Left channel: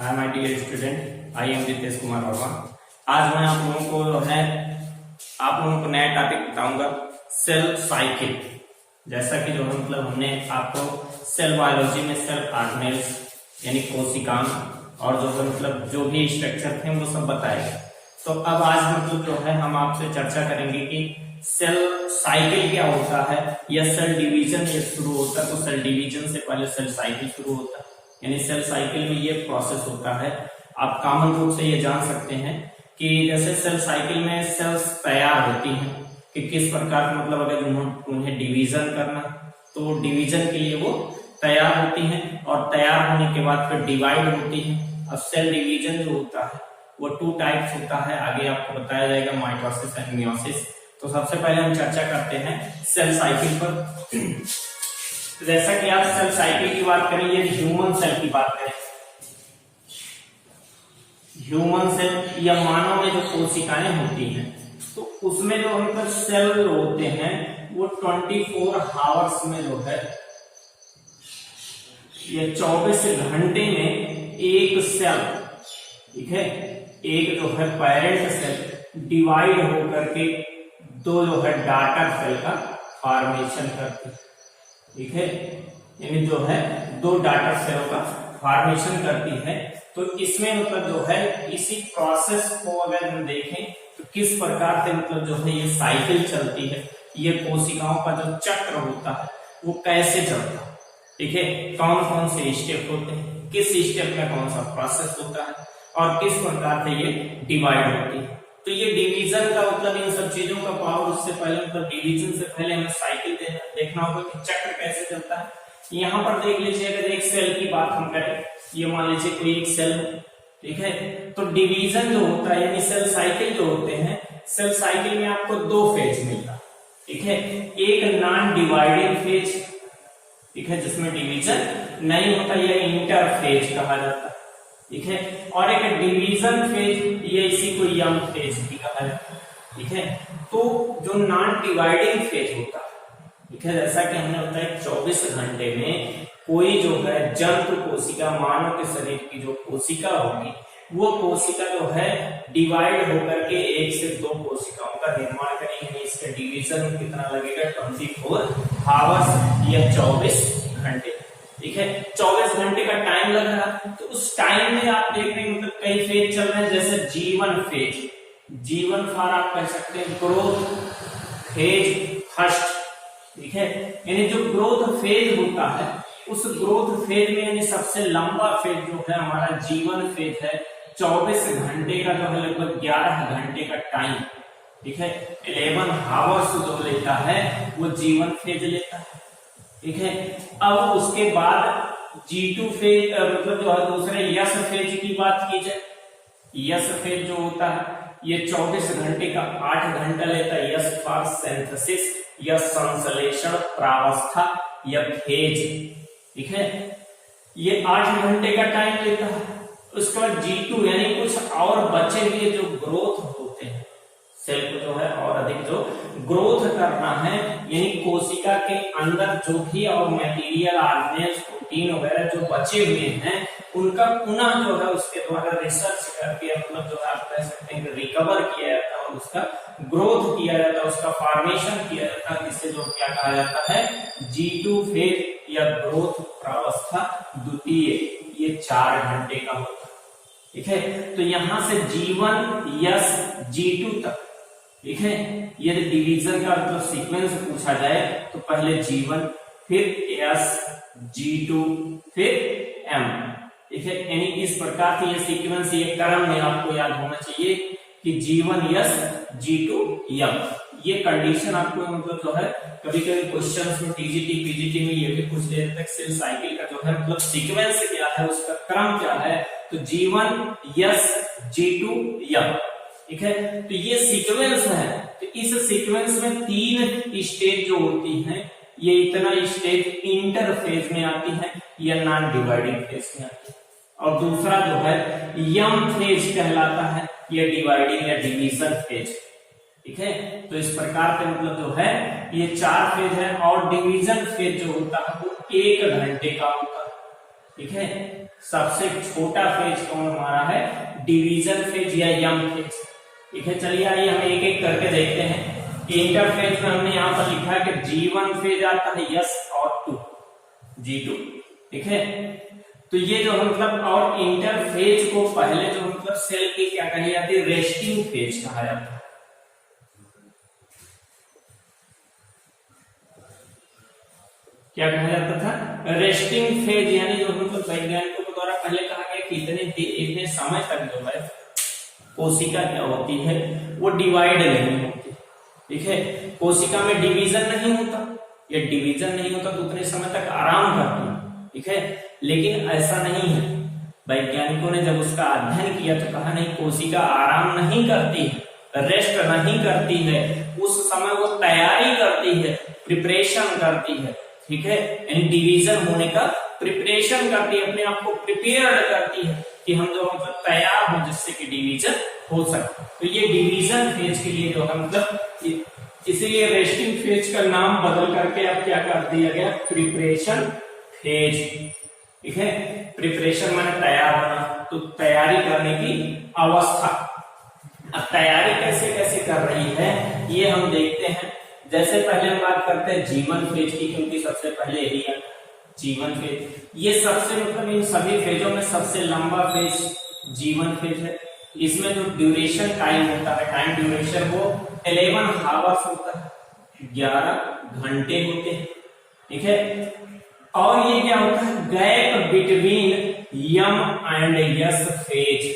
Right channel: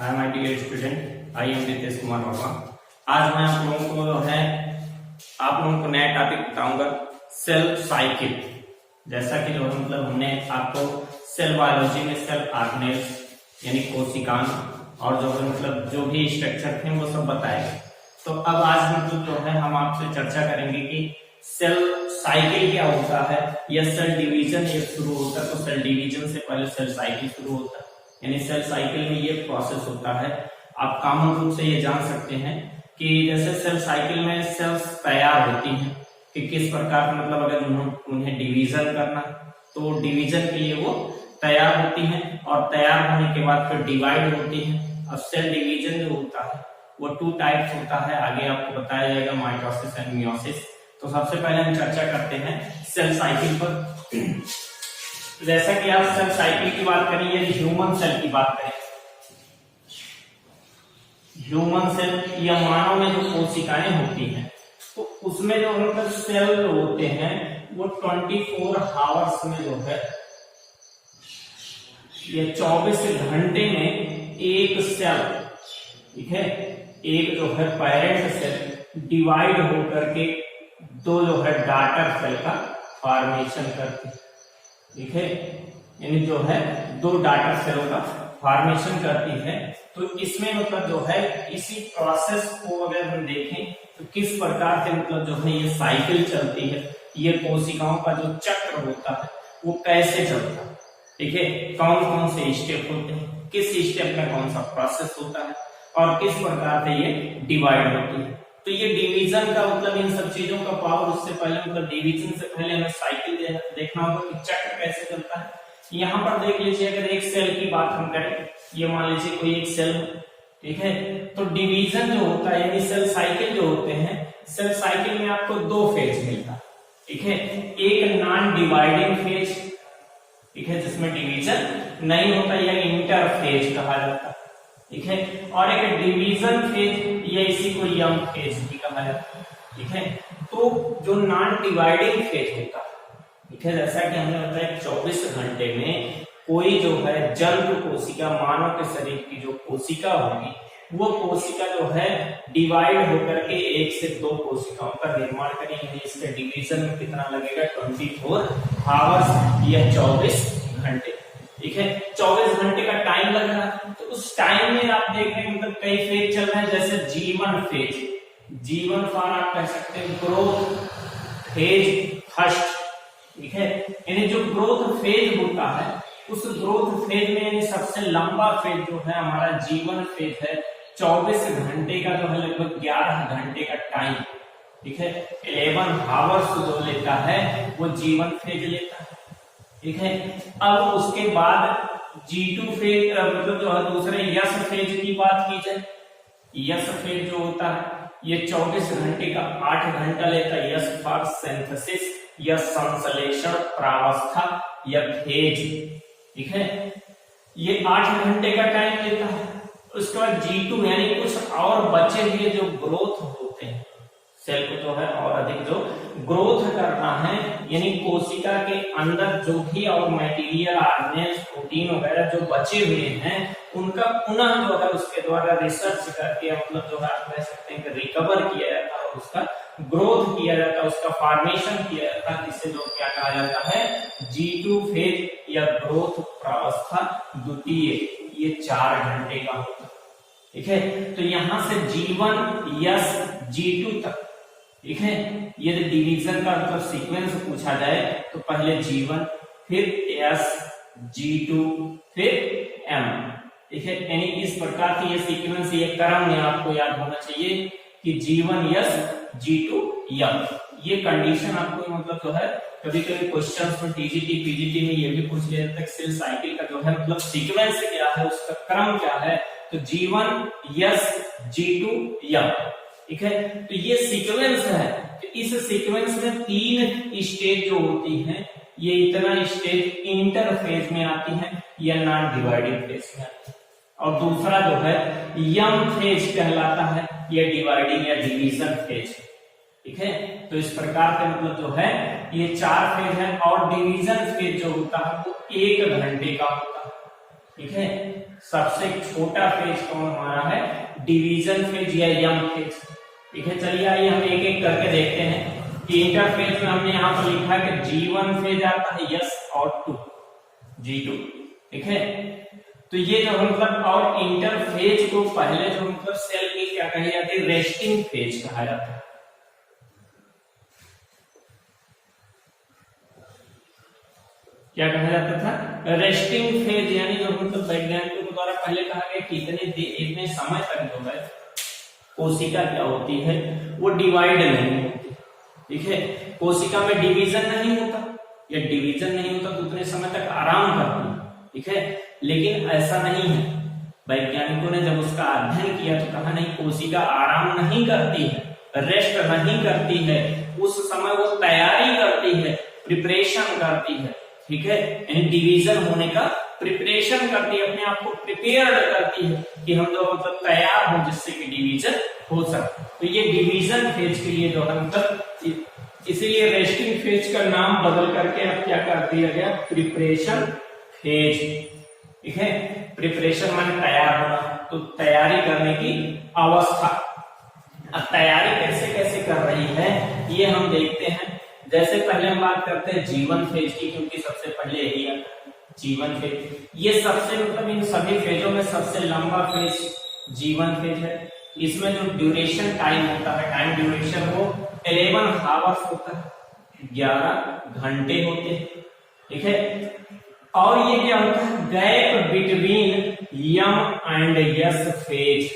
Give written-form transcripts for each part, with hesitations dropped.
Hi my dear student, I am Ritesh Kumar Verma. आज मैं आप लोगों को नया टॉपिक बताऊंगा, सेल साइकिल। जैसा कि हमने आपको सेल बायोलॉजी में सेल ऑर्गेनेल्स यानी कोशिकांग और जो भी स्ट्रक्चर थे वो सब बताए गए। तो अब आज हम आपसे चर्चा करेंगे कि सेल साइकिल क्या होता है या सेल डिवीजन ये शुरू होता है। तो सेल डिवीजन से पहले सेल साइकिल शुरू होता है, यानी सेल साइकिल में ये प्रोसेस होता है। आप कॉमन रूप से ये जान सकते हैं कि जैसे सेल साइकिल में सेल्स तैयार होती हैं कि किस प्रकार अगर उन्हें डिवीजन करना तो डिवीजन के लिए वो तैयार होती हैं और तैयार होने के बाद फिर डिवाइड होती हैं। अब सेल डिवीजन जो होता है वो 2 टाइप्स होता है, आगे आपको बताया जाएगा, माइटोसिस एंड मियोसिस। तो सबसे पहले हम चर्चा करते हैं सेल साइकिल पर। जैसा कि आप सेल साइकिल की बात करें या ह्यूमन सेल की बात करें, ह्यूमन सेल या मानव में जो कोशिकाएं होती हैं तो उसमें जो सेल होते हैं वो 24 आवर्स में ये 24 घंटे में एक सेल, ठीक है, एक पेरेंट सेल डिवाइड होकर के दो डॉटर सेल का फॉर्मेशन करती है, ठीक है, यानी दो डॉटर सेलों का फॉर्मेशन करती है। तो इसमें इसी प्रोसेस को अगर हम देखें तो किस प्रकार से ये साइकिल चलती है, ये कोशिकाओं का जो चक्र होता है वो कैसे चलता है, ठीक है, कौन कौन से स्टेप होते हैं, किस स्टेप में कौन सा प्रोसेस होता है और किस प्रकार से ये डिवाइड होती है। तो ये डिवीजन का इन सब चीजों का पावर, उससे पहले डिवीजन से पहले हमें साइकिल देखना होगा कि चक्र कैसे चलता है। यहाँ पर देख लीजिए, अगर एक सेल की बात हम करें, ये मान लीजिए कोई एक सेल, ठीक है, तो डिवीजन जो होता है यानी सेल साइकिल जो होते हैं, सेल साइकिल में आपको 2 फेज मिलता है, ठीक है, एक नॉन डिवाइडिंग फेज, ठीक है, जिसमें डिवीजन नहीं होता, या इंटरफेज कहा जाता है, ठीक है, और एक डिवीजन फेज, ये इसी को यंग फेज भी कहा जाता है, ठीक है। तो जो नॉन डिवाइडिंग फेज होता है, ठीक है, जैसा कि हमने बताया 24 घंटे में कोई जंतु कोशिका, मानव के शरीर की जो कोशिका होगी वो कोशिका डिवाइड होकर के 1 से 2 कोशिकाओं का निर्माण करेगी, यानी इसके डिवीजन में कितना लगेगा, 24 आवर्स या 24 घंटे, ठीक है, 24 घंटे का टाइम लग रहा है। तो उस टाइम में आप देख रहे हैं कई फेज चल रहे हैं, जैसे जीवन फेज, जीवन फॉर आप कह सकते हैं ग्रोथ फेज फर्स्ट, ठीक है, यानी जो ग्रोथ फेज होता है उस ग्रोथ फेज में यानी सबसे लंबा फेज हमारा जीवन फेज है, 24 घंटे का लगभग 11 घंटे का टाइम, ठीक है, 11 आवर्स जो लेता है वो जीवन फेज लेता है, ठीक है। अब उसके बाद G2 फेज दूसरे यस फेज की बात की जाए, यस फेज जो होता है ये 24 घंटे का 8 घंटा लेता है, यस फॉर सिंथेसिस या संश्लेषण प्रावस्था या फेज, ठीक है, ये 8 घंटे का टाइम लेता है। उसके बाद G2 यानी कुछ और बचे हुए जो ग्रोथ होते हैं, सेल को और अधिक जो ग्रोथ करना है, यानी कोशिका के अंदर जो भी और मटेरियल, ऑर्गेनेल्स, प्रोटीन वगैरह जो बचे हुए हैं उनका पुनः उसके द्वारा रिसर्च करके आप कह सकते हैं कि रिकवर किया जाता है और उसका ग्रोथ किया जाता है, उसका फॉर्मेशन किया जाता है, जिससे क्या कहा जाता है, G2 फेज या ग्रोथ प्रावस्था द्वितीय, ये 4 घंटे का होता है, ठीक है। तो यहां से G1 यस G2 तक, ठीक है, यदि डिवीजन का सीक्वेंस पूछा जाए तो पहले G1 फिर S G2 फिर M, ठीक है, यानी इस प्रकार की ये सीक्वेंस, ये क्रम में आपको याद होना चाहिए कि G1 यस G2 M। ये कंडीशन आपको कभी कभी क्वेश्चंस में टीजीटी पीजीटी में ये भी पूछ लिया जाता है, सेल साइकिल का सीक्वेंस क्या है, उसका क्रम क्या है। तो G1 यस G2 M, ठीक है, तो ये सीक्वेंस है। तो इस सीक्वेंस में 3 स्टेज जो होती हैं, ये इतना स्टेज इंटरफेज में आती है या नॉन डिवाइडिंग फेज में आती है, और दूसरा यम फेज कहलाता है, या डिवाइडिंग या डिवीजन फेज, ठीक है। तो इस प्रकार से ये 4 फेज है, और डिवीजन फेज जो होता है वो 1 घंटे का होता है, ठीक है। सबसे छोटा फेज कौन हमारा है, डिवीजन फेज या यंग फेज। ठीक है, चलिए आइए हम एक एक करके देखते हैं। इंटरफेज में हमने यहाँ पर लिखा कि G1 फेज आता है यस और टू G2। ठीक है, तो ये जो मतलब और इंटरफेज को पहले जो मतलब सेल की क्या कही जाती है, रेस्टिंग फेज कहा जाता है। क्या कहा जाता था, रेस्टिंग फेज, यानी जो मतलब वैज्ञानिकों के द्वारा पहले कहा गया कि इतने समय तक जो है कोशिका क्या होती है, वो डिवाइड नहीं होती। ठीक है, कोशिका में डिवीजन नहीं होता, या डिवीजन नहीं होता तो उतने समय तक आराम करती है। ठीक है, लेकिन ऐसा नहीं है। वैज्ञानिकों ने जब उसका अध्ययन किया तो कहा नहीं, कोशिका आराम नहीं करती है, रेस्ट नहीं करती है, उस समय वो तैयारी करती है, प्रिपरेशन करती है। ठीक है, यानी डिवीजन होने का प्रिपरेशन करती है, अपने आप को प्रिपेयर्ड करती है कि हम जो मतलब तैयार हो जिससे कि डिवीजन हो सके। तो ये डिवीजन फेज के लिए जो है मतलब, इसीलिए रेस्टिंग फेज का नाम बदल करके अब क्या कर दिया गया, प्रिपरेशन फेज। ठीक है, प्रिपरेशन माने तैयार होना, तो तैयारी करने की अवस्था। अब तैयारी कैसे कैसे कर रही है ये हम देखते हैं। जैसे पहले हम बात करते हैं G1 फेज की, क्योंकि सबसे पहले यही है G1 फेज। ये सबसे मतलब इन सभी फेजों में सबसे लंबा फेज G1 फेज है। इसमें जो ड्यूरेशन टाइम होता है, टाइम ड्यूरेशन वो 11 हावर्स होता है, 11 घंटे होते हैं। ठीक है, और ये क्या होता है, gap between M and S phase.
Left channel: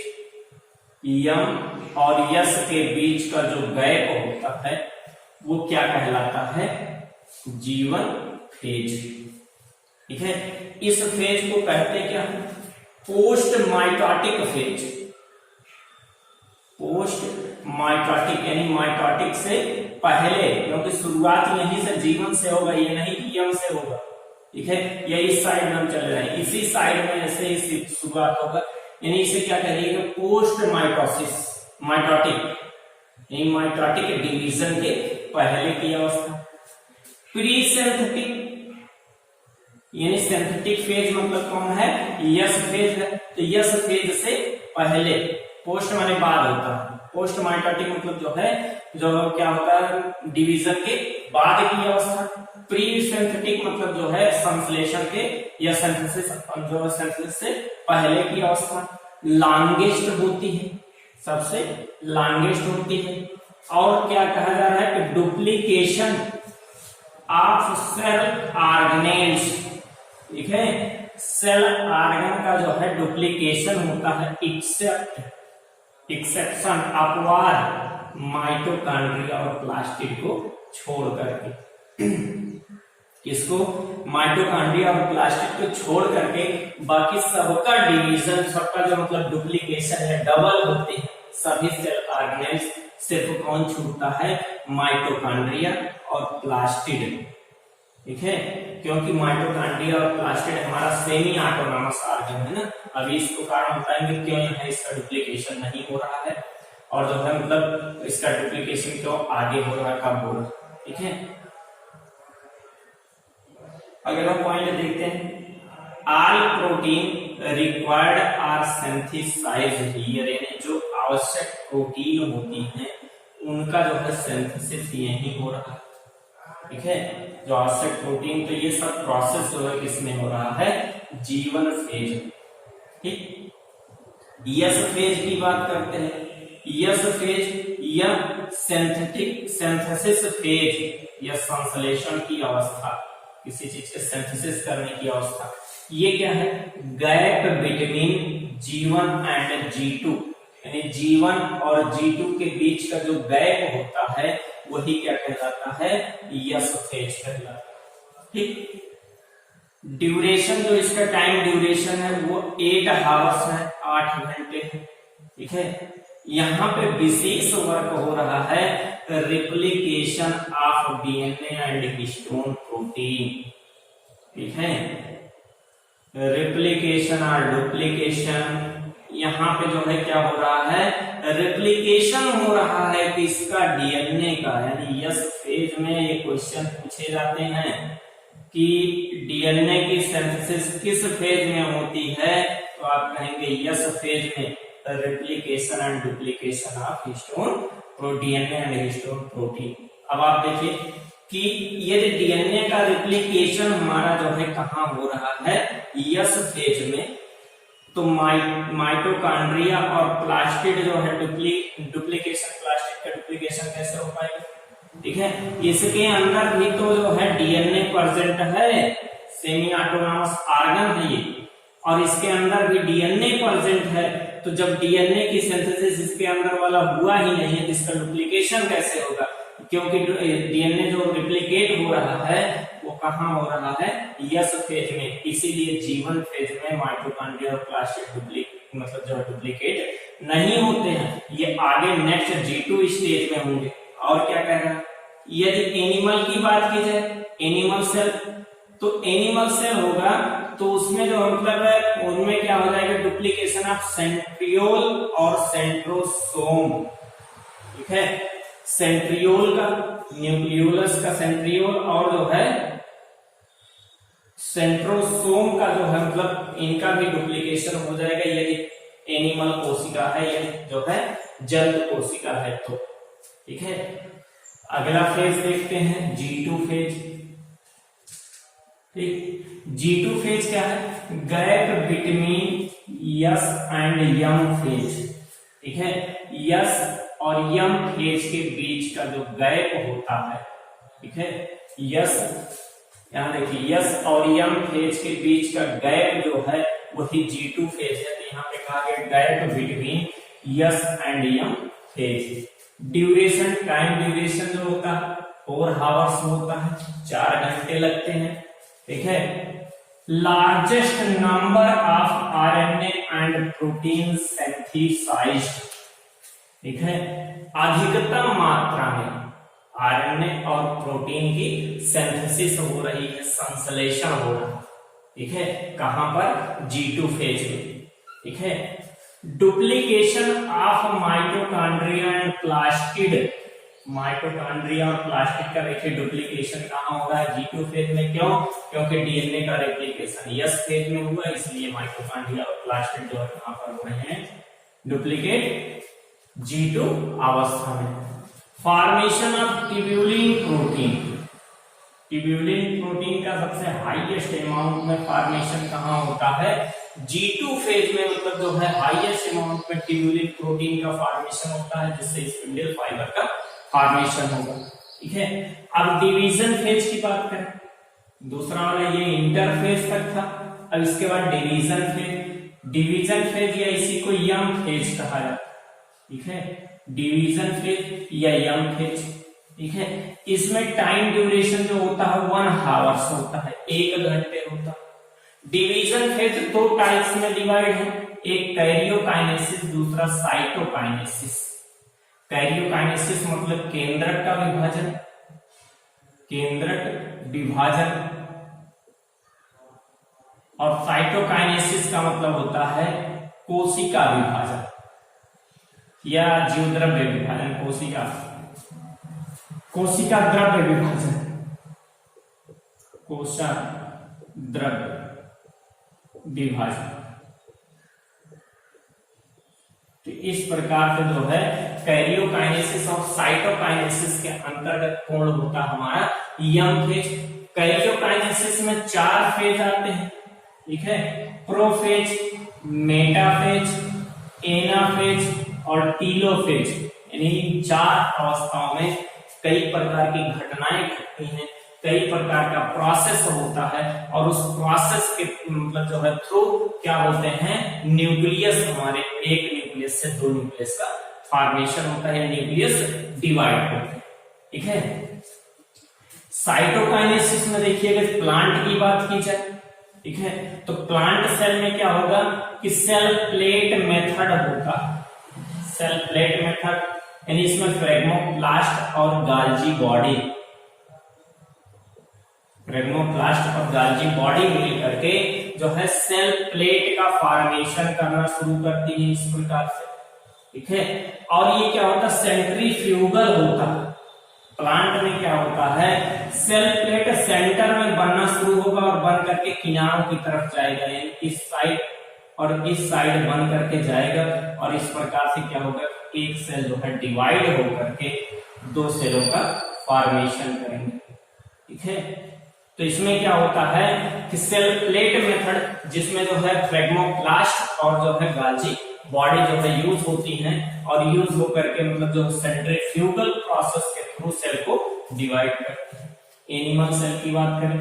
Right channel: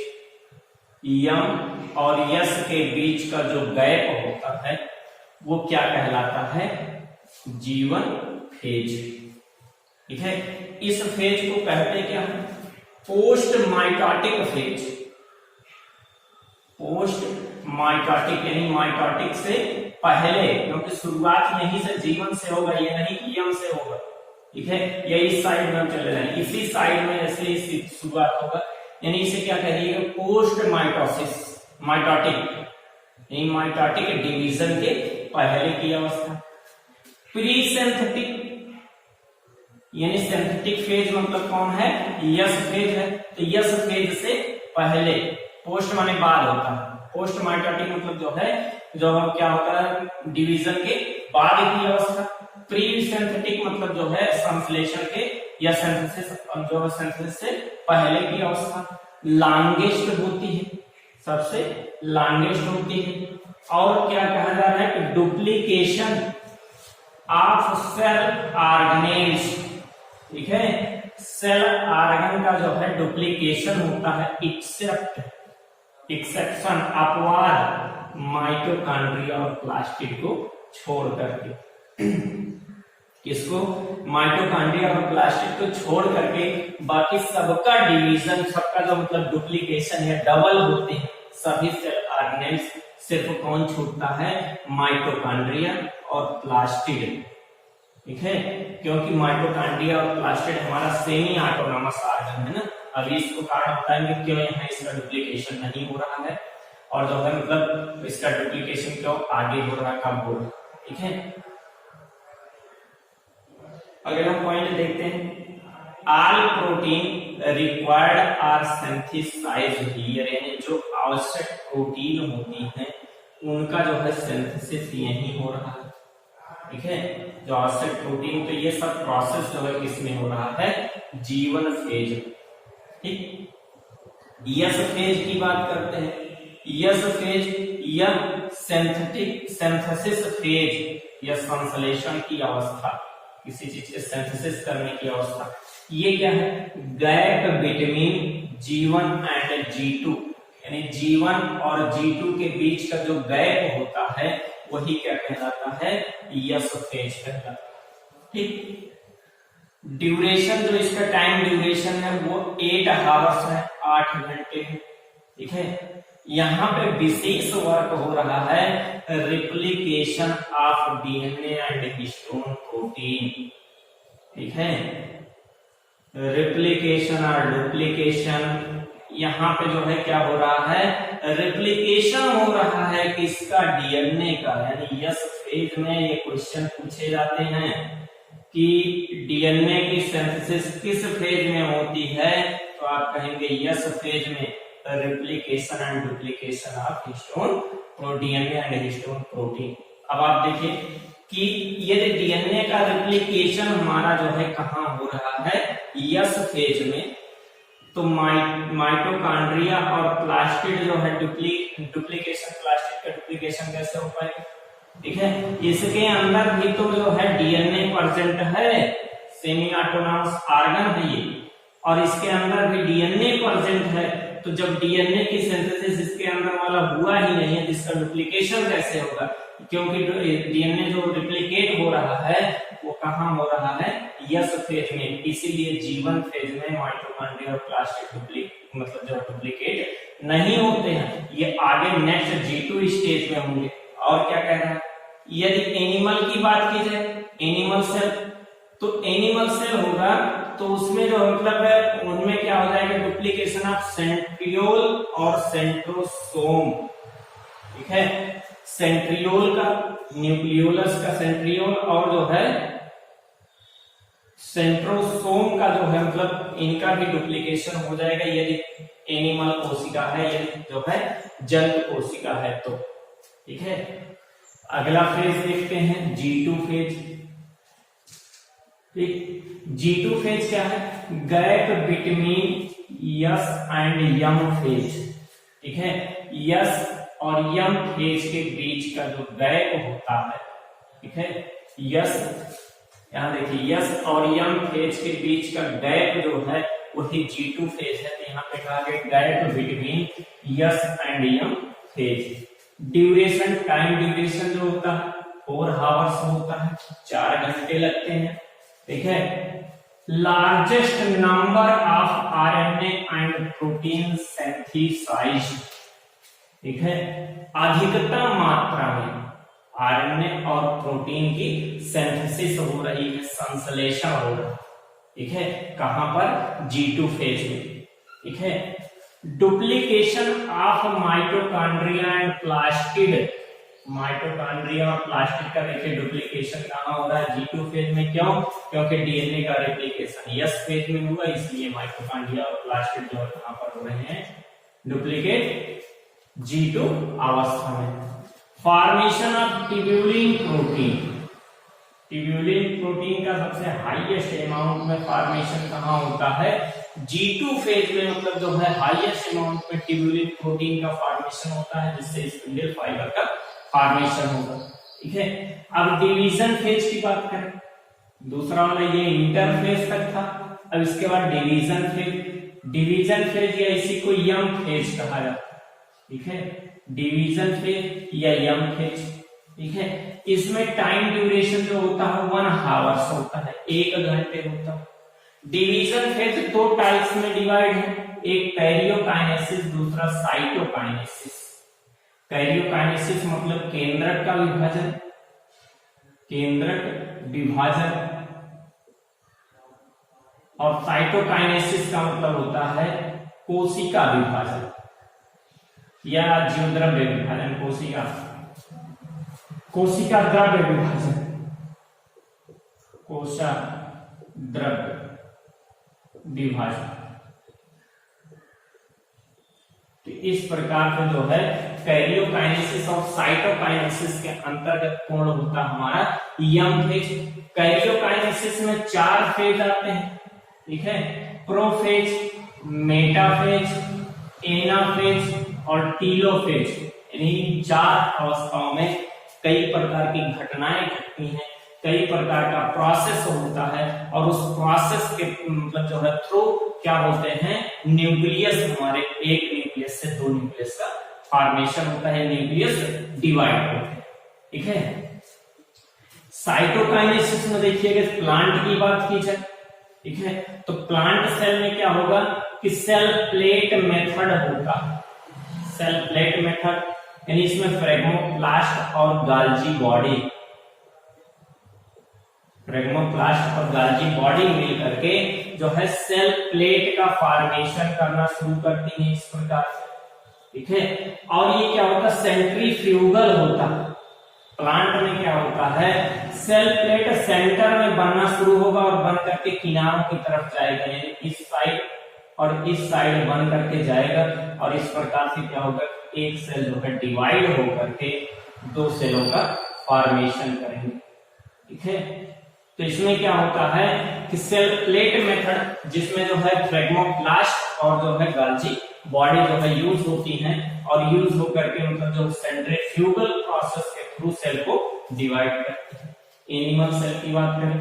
M और यस के बीच का जो गैप होता है वो क्या कहलाता है, G1 फेज। ठीक है, इस फेज को कहते क्या है, post mitotic phase. Post mitotic यानी माइटोटिक से पहले, क्योंकि शुरुआत यहीं से G1 से होगा, ये नहीं कि यम से होगा। ठीक है, या इस साइड में हम चले जाएं, इसी साइड में ऐसे ही शुरुआत होगा, यानी इसे क्या कहिएगा, पोस्ट माइटोसिस, माइटोटिक यानी माइटोटिक डिवीजन के पहले की अवस्था। प्री सिंथेटिक यानी सिंथेटिक फेज मतलब कौन है, यस फेज है। तो यस फेज से पहले, पोस्ट माने बाद होता है, पोस्ट माइटोटिक मतलब जो है, जो क्या होता है, डिवीजन के बाद की अवस्था। प्री सिंथेटिक मतलब जो है संश्लेषण के या सिंथेसिस, जो सिंथेसिस से पहले की अवस्था। लॉन्गेस्ट होती है, सबसे लॉन्गेस्ट होती है। और क्या कहा जा रहा है कि डुप्लीकेशन ऑफ सेल ऑर्गेनेल्स। ठीक है, सेल ऑर्गन का जो है डुप्लीकेशन होता है एक्सेप्शन अपवाद माइटोकॉन्ड्रिया और प्लास्टिड को छोड़ करके। इसको माइटोकॉन्ड्रिया और प्लास्टिड को छोड़ करके बाकी सबका डिवीजन, सबका जो मतलब डुप्लीकेशन है, डबल होते हैं सभी सेल ऑर्गेनेल्स। सिर्फ कौन छूटता है, माइटोकॉन्ड्रिया और प्लास्टिड। ठीक है, क्योंकि माइटोकॉन्ड्रिया और प्लास्टिड हमारा सेमी ऑटोनॉमस ऑर्गन है ना। अभी इसको कारण बताएंगे क्यों यहाँ इसका डुप्लीकेशन नहीं हो रहा है, और जो है मतलब इसका डुप्लीकेशन क्यों आगे हो रहा है, कब हो रहा है। ठीक है, अगर हम पॉइंट देखते हैं, all protein required are synthesized here, यानी जो आवश्यक प्रोटीन होती हैं उनका जो है सिंथेसिस यही हो रहा है। ठीक है, जो आवश्यक प्रोटीन, तो ये सब प्रोसेस जो है किसमें हो रहा है, G1 फेज। ठीक, यस फेज की बात करते हैं। यस फेज या सिंथेसिस फेज या संश्लेषण की अवस्था, किसी चीज के सिंथेसिस करने की अवस्था। ये क्या है, gap between G1 and G2, यानी G1 और G2 के बीच का जो गैप होता है वही क्या कहलाता है, यस फेज कहलाता है। ठीक, ड्यूरेशन जो इसका टाइम ड्यूरेशन है वो 8 हावर्स है, 8 घंटे है। ठीक है, यहाँ पे विशेष वर्क हो रहा है replication of DNA and histone protein. ठीक है, रिप्लिकेशन और डुप्लीकेशन, यहाँ पे जो है क्या हो रहा है, रिप्लिकेशन हो रहा है किसका, डीएनए का। यानी यस फेज में ये क्वेश्चन पूछे जाते हैं कि डीएनए की सिंथेसिस किस फेज में होती है, तो आप कहेंगे यस फेज में, replication and duplication of histone DNA and histone protein. अब आप देखिए कि यदि डीएनए का रेप्लिकेशन हमारा जो है कहाँ हो रहा है, यस फेज में, तो माइटोकॉन्ड्रिया और प्लास्टिड जो है डुप्लीकेशन, प्लास्टिड का डुप्लीकेशन कैसे हो पाएगा, ठीक है। इसके अंदर भी तो जो है डीएनए प्रेजेंट है, सेमी ऑटोनॉमस ऑर्गन है ये, और इसके अंदर भी डीएनए प्रेजेंट है। तो जब डीएनए की सिंथेसिस इसके अंदर वाला हुआ ही नहीं है, इसका डुप्लीकेशन कैसे होगा, क्योंकि डीएनए जो रिप्लिकेट हो रहा है वो कहाँ हो रहा है, यस फेज में। इसीलिए जीवन फेज में माइटोकॉन्ड्रिया और प्लास्टिड मतलब जो डुप्लीकेट नहीं होते हैं, ये आगे नेक्स्ट G2 स्टेज में होंगे। और क्या कह रहा है, यदि एनिमल की बात की जाए, एनिमल सेल, तो एनिमल सेल होगा तो उसमें जो मतलब है उनमें क्या हो जाएगा, डुप्लीकेशन ऑफ सेंट्रियोल और सेंट्रोसोम, ठीक है। सेंट्रियोल का, न्यूक्लियोलस का सेंट्रियोल, और जो है सेंट्रोसोम का जो है मतलब इनका भी डुप्लीकेशन हो जाएगा यदि एनिमल कोशिका है, यदि जो है जंतु कोशिका है तो, ठीक है। अगला फेज देखते हैं G2 फेज, ठीक। G2 फेज क्या है, gap between S and M phase, ठीक है। यस और यम फेज के बीच का जो गैप होता है, ठीक है, यस, यहां देखिए यस और यम फेज के बीच का गैप जो है वही G2 फेज है। तो यहाँ पे कहा गया gap between S and M phase. Duration, time duration जो होता है 4 आवर्स होता है, 4 घंटे लगते हैं, ठीक है। Largest number of RNA and protein synthesized, ठीक है। अधिकतम मात्रा में आरएनए और प्रोटीन की सिंथेसिस हो रही है, संश्लेषण हो रहा है, ठीक है। कहां पर, G2 फेज में, ठीक है। Duplication of mitochondria and plastid, mitochondria और प्लास्टिड का देखिए डुप्लीकेशन कहां हो रहा है, G2 फेज में। क्यों, क्योंकि डीएनए का रेप्लिकेशन यस फेज में हुआ, इसलिए माइटोकॉन्ड्रिया और प्लास्टिड जो है कहां पर हो रहे हैं, डुप्लीकेट, G2 अवस्था में। Formation of tubulin protein, tubulin protein का सबसे हाईएस्ट अमाउंट में फॉर्मेशन कहां होता है, G2 फेज में, मतलब जो है हाईएस्ट अमाउंट में ट्यूब्यूलिन प्रोटीन का फॉर्मेशन होता है, जिससे स्पिंडल फाइबर का फॉर्मेशन होगा, ठीक है। अब डिवीजन फेज की बात करें, दूसरा वाला ये इंटरफेज तक था, अब इसके बाद डिवीजन फेज। डिवीजन फेज या इसी को यम फेज कहा जाता है, ठीक है। डिवीजन फेज या यम फेज, ठीक है। इसमें टाइम ड्यूरेशन जो होता है 1 आवर्स होता है, 1 घंटे होता है। डिवीजन फेज 2 टाइप्स में डिवाइड है, एक कैरियोकाइनेसिस, दूसरा साइटोकाइनेसिस। कैरियोकाइनेसिस मतलब केंद्रक का विभाजन, केंद्रक विभाजन, और साइटोकाइनेसिस का मतलब होता है कोशिका विभाजन या जीवद्रव्य विभाजन, कोशिका द्रव्य विभाजन, कोशा द्रव्य विभाजन। तो इस प्रकार से जो है कैरियोकाइनेसिस और साइटोकाइनेसिस के अंतर्गत पूर्ण होता हमारा यम फेज। कैरियोकाइनेसिस में 4 फेज आते हैं, ठीक है। प्रोफेज, मेटाफेज, एनाफेज और टीलोफेज, यानी 4 अवस्थाओं में कई प्रकार की घटनाएं घटती हैं, कई प्रकार का प्रोसेस होता है, और उस प्रोसेस के मतलब जो है थ्रू क्या बोलते हैं, न्यूक्लियस, हमारे एक न्यूक्लियस से 2 न्यूक्लियस का फॉर्मेशन होता है, न्यूक्लियस डिवाइड होते हैं, ठीक है। साइटोकाइनेसिस में देखिएगा प्लांट की बात की जाए, ठीक है, तो प्लांट सेल में क्या होगा कि सेल प्लेट मेथड होगा, सेल प्लेट मेथड, यानी इसमें फ्रेगमोप्लास्ट और गाल्जी बॉडी, फ्रेगमोप्लास्ट और गाल्जी बॉडी मिल करके जो है सेल प्लेट का फॉर्मेशन करना शुरू करती है इस प्रकार से, ठीक है। और ये क्या होता है, सेंट्रीफ्यूगल होता है, प्लांट में क्या होता है, सेल प्लेट सेंटर में बनना शुरू होगा और बन करके किनारों की तरफ जाएगा, यानी इस साइड और इस साइड बन करके जाएगा और इस प्रकार से क्या होगा, एक सेल जो है डिवाइड होकर के दो सेलों का फॉर्मेशन करेंगे। ठीक है, तो इसमें क्या होता है कि सेल प्लेट मेथड, जिसमें जो है फ्रेगमोप्लास्ट और जो है गाल्जी बॉडी जो है यूज होती है और यूज होकर के मतलब जो सेंट्रीफ्यूगल प्रोसेस के थ्रू सेल को डिवाइड करते हैं। एनिमल सेल की बात करें,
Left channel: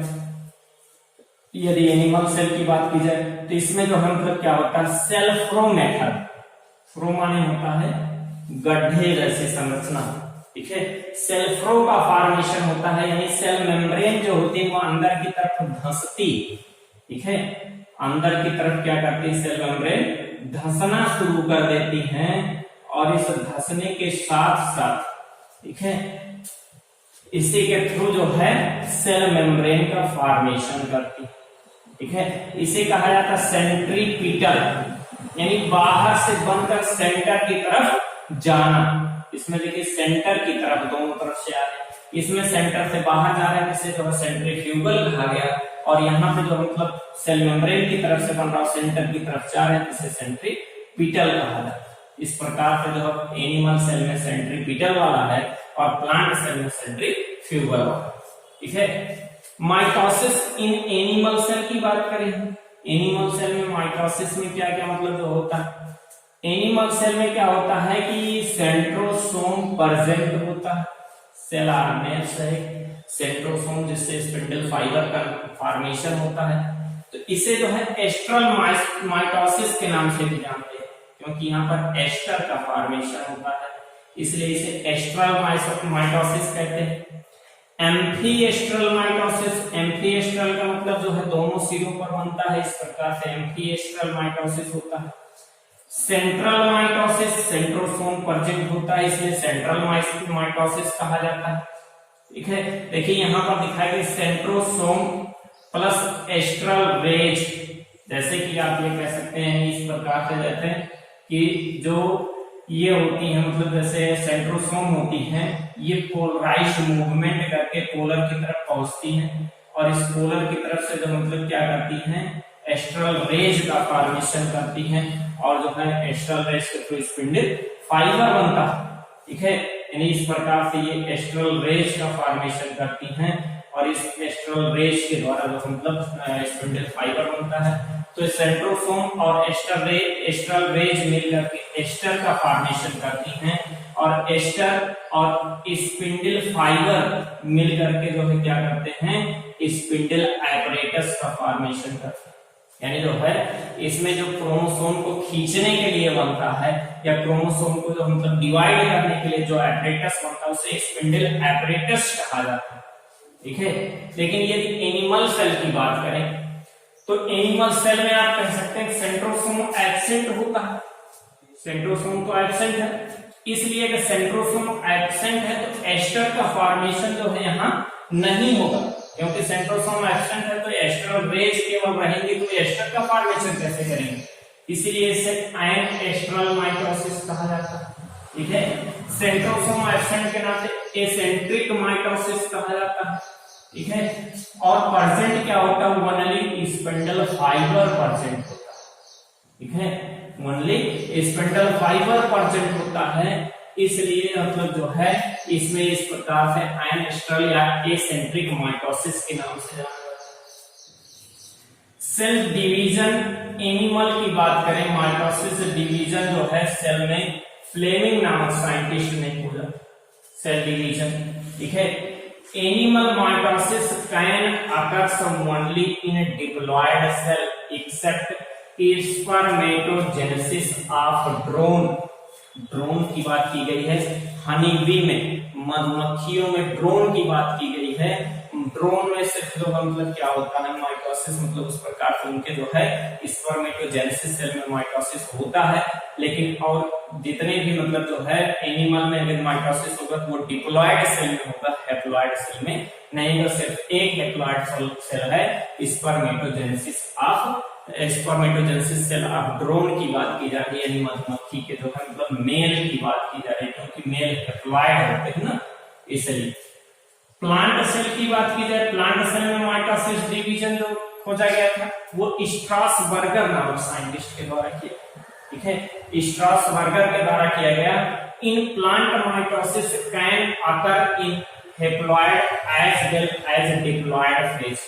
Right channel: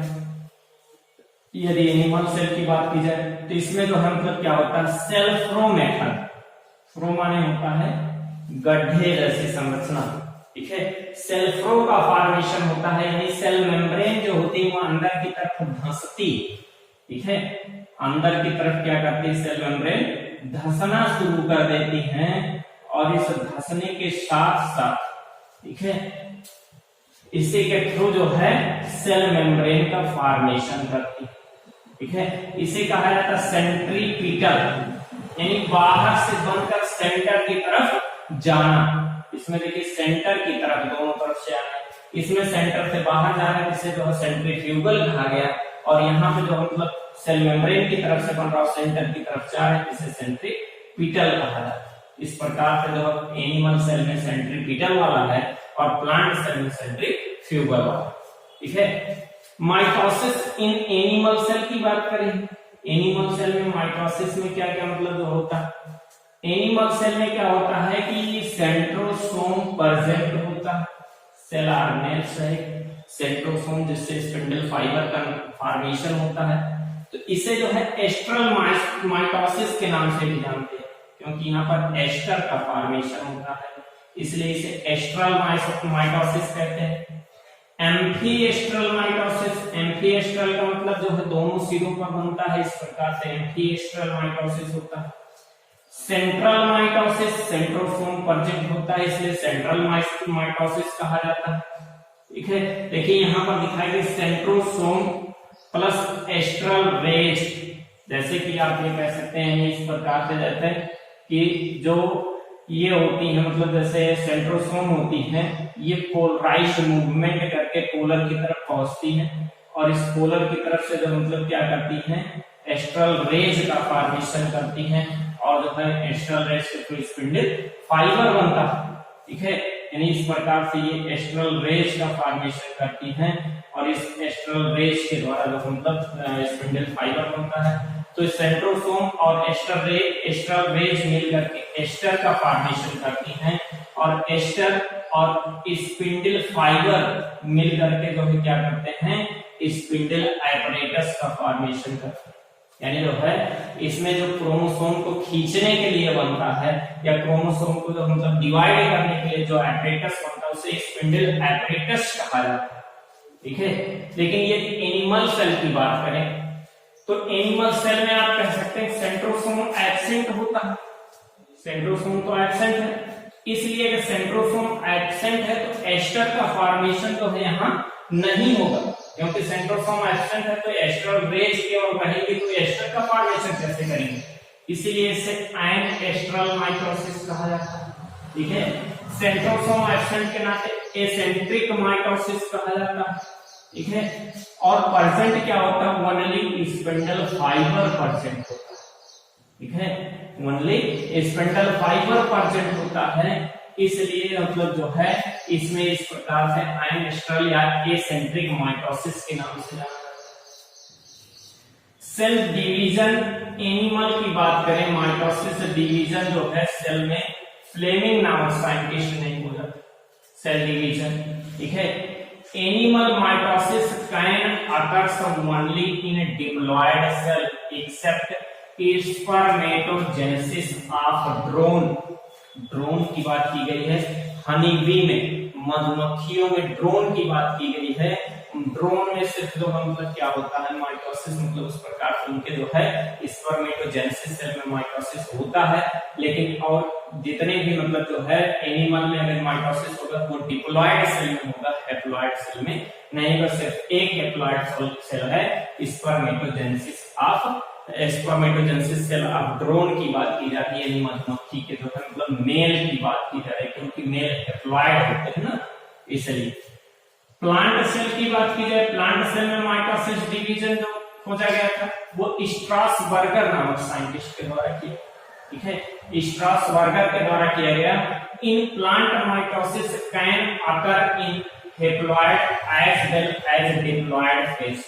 यदि एनिमल सेल की बात की जाए तो इसमें जो है मतलब क्या होता है, सेल फ्रो मेथड। फ्रो माने होता है गड्ढे जैसी संरचना। ठीक है, सेल फ्रो का फॉर्मेशन होता है, यानी सेल मेम्ब्रेन जो होती है वो अंदर की तरफ धंसती। ठीक है, अंदर की तरफ क्या करती है, सेल मेम्ब्रेन धंसना शुरू कर देती हैं और इस धंसने के साथ साथ, ठीक है, इसी के थ्रू जो है सेल मेम्ब्रेन का फॉर्मेशन करती है। ठीक है, इसे कहा जाता है सेंट्रीपिटल, यानी बाहर से बनकर सेंटर की तरफ जाना। इसमें देखिए सेंटर की तरफ दोनों तरफ से आ रहे हैं, इसमें सेंटर से बाहर जा रहा है, जिसे जो है सेंट्रीफ्यूगल कहा गया, और यहाँ पे जो मतलब सेल मेम्ब्रेन की तरफ से बन रहा है सेंटर की तरफ जा रहे हैं, जिसे सेंट्रीपिटल कहा जाता है। इस प्रकार से जो एनिमल सेल में सेंट्रीपिटल वाला है और प्लांट सेल में सेंट्रीफ्यूगल वाला। ठीक है, माइटोसिस इन एनिमल सेल की बात करें, एनिमल सेल में माइटोसिस में क्या क्या मतलब जो होता है, एनिमल सेल में क्या होता है कि सेंट्रोसोम प्रेजेंट होता है, सेल आर्मेट से सेंट्रोसोम जिससे स्पिंडल फाइबर का फॉर्मेशन होता है। तो इसे जो है एस्ट्रल माइटोसिस के नाम से भी जानते हैं, क्योंकि यहाँ पर एस्टर का फॉर्मेशन होता है, इसलिए इसे एस्ट्रल माइटोसिस कहते हैं। एम्फीएस्ट्रल माइटोसिस, एम्फीएस्ट्रल का मतलब जो है दोनों सिरों पर बनता है, इस प्रकार से एम्फीएस्ट्रल माइटोसिस होता है। सेंट्रल माइटोसिस, सेंट्रोसोम प्रेजेंट होता है, इसलिए सेंट्रल माइटोसिस कहा जाता है। ठीक है, देखिए यहाँ पर दिखाई गई सेंट्रोसोम प्लस एस्ट्रल रेज, जैसे कि आप ये कह सकते हैं इस प्रकार से, जैसे कि जो ये होती है मतलब जैसे सेंट्रोसोम होती है, ये पोलराइज मूवमेंट करके पोलर की तरफ पहुंचती है और इस पोलर की तरफ से जो मतलब क्या करती है, एस्ट्रल रेज का फॉर्मेशन करती है और जो है एस्ट्रल रेज के थ्रू स्पिंडल फाइबर बनता है। ठीक है, यानी इस प्रकार से ये एस्ट्रल रेज का फॉर्मेशन करती हैं और इस एस्ट्रल रेज के द्वारा जो मतलब स्पिंडल फाइबर बनता है। तो सेंट्रोसोम और एस्ट्रल रेज मिलकर के एस्टर का फॉर्मेशन करती हैं और एस्टर और स्पिंडल फाइबर मिलकर के जो है क्या करते हैं, स्पिंडल एपरेटस का फॉर्मेशन करते हैं। यानी जो है इसमें जो क्रोमोसोम को खींचने के लिए बनता है या क्रोमोसोम को जो मतलब डिवाइड करने के लिए जो एपरेटस बनता है उसे स्पिंडल एपरेटस कहा जाता है। ठीक है, लेकिन यदि एनिमल सेल की बात करें तो एनिमल सेल में आप कह सकते हैं सेंट्रोसोम एब्सेंट होता है। सेंट्रोसोम तो एब्सेंट है, इसलिए अगर सेंट्रोसोम एब्सेंट है तो एस्टर का फॉर्मेशन जो है यहाँ नहीं होगा, क्योंकि सेंट्रोसोम एब्सेंट है तो एस्ट्रल रेज केवल रहेंगे, तो एस्टर का फॉर्मेशन कैसे करेंगे, इसीलिए इसे एस्ट्रल माइटोसिस कहा जाता है। ठीक है, सेंट्रोसोम एब्सेंट के नाते एसेंट्रिक माइटोसिस कहा जाता है। ठीक है, और प्रेजेंट क्या होता है, ओनली स्पिंडल फाइबर प्रेजेंट होता है। ठीक है, ओनली स्पिंडल फाइबर प्रेजेंट होता है, इसलिए मतलब जो है इसमें इस प्रकार से एनेस्ट्रल या एसेंट्रिक माइटोसिस के नाम से जाना जाता है। सेल डिवीजन, एनिमल की बात करें, माइटोसिस डिवीजन जो है सेल में फ्लेमिंग नामक साइंटिस्ट ने खोजा सेल डिवीजन। ठीक है, animal mitosis can occur only in diploid cell except spermatogenesis of drone. Drone की बात की गई है, हनी बी में, मधुमक्खियों में ड्रोन की बात की गई है। ड्रोन में सिर्फ जो मतलब क्या होता है माइटोसिस, मतलब उस प्रकार से उनके जो है स्पर्मेटोजेनेसिस सेल में माइटोसिस होता है, लेकिन और जितने भी मतलब जो है एनिमल में अगर माइटोसिस होगा तो वो डिप्लॉयड सेल में होगा, हैप्लॉयड सेल में नहीं। बस सिर्फ एक हैप्लॉयड सेल है, स्पर्मेटोजेनेसिस सेल ऑफ ड्रोन की बात की जा रही है, यानी मधुमक्खी के जो है मतलब मेल की बात की जा रही है, क्योंकि मेल हैप्लॉयड होते हैं ना, इसलिए प्लांट सेल की बात की जाए, प्लांट सेल में माइटोसिस डिवीजन जो खोजा गया था वो स्ट्रासबर्गर नामक साइंटिस्ट के द्वारा किया, ठीक है, स्ट्रासबर्गर के द्वारा किया गया। In plant mitosis can occur in haploid as well as diploid phase,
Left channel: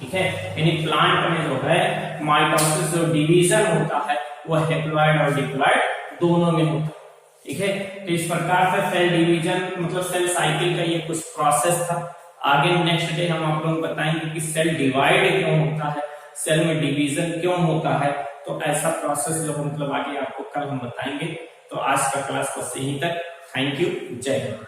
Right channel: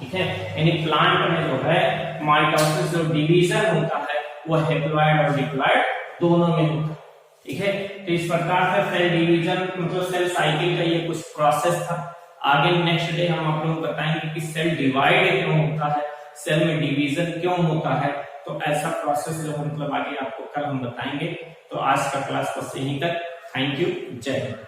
ठीक है, यानी प्लांट में जो है माइटोसिस जो डिवीजन होता है वो हेप्लॉइड और डिप्लॉइड दोनों में होता है, ठीक है। तो इस प्रकार से सेल डिवीजन मतलब सेल साइकिल का ये कुछ प्रोसेस था। आगे नेक्स्ट डे हम आप लोग बताएंगे कि सेल डिवाइड क्यों होता है, सेल में डिवीजन क्यों होता है, तो ऐसा प्रोसेस जो मतलब आगे आपको कल हम बताएंगे। तो आज का क्लास बस यहीं तक। थैंक यू, जय हिंद।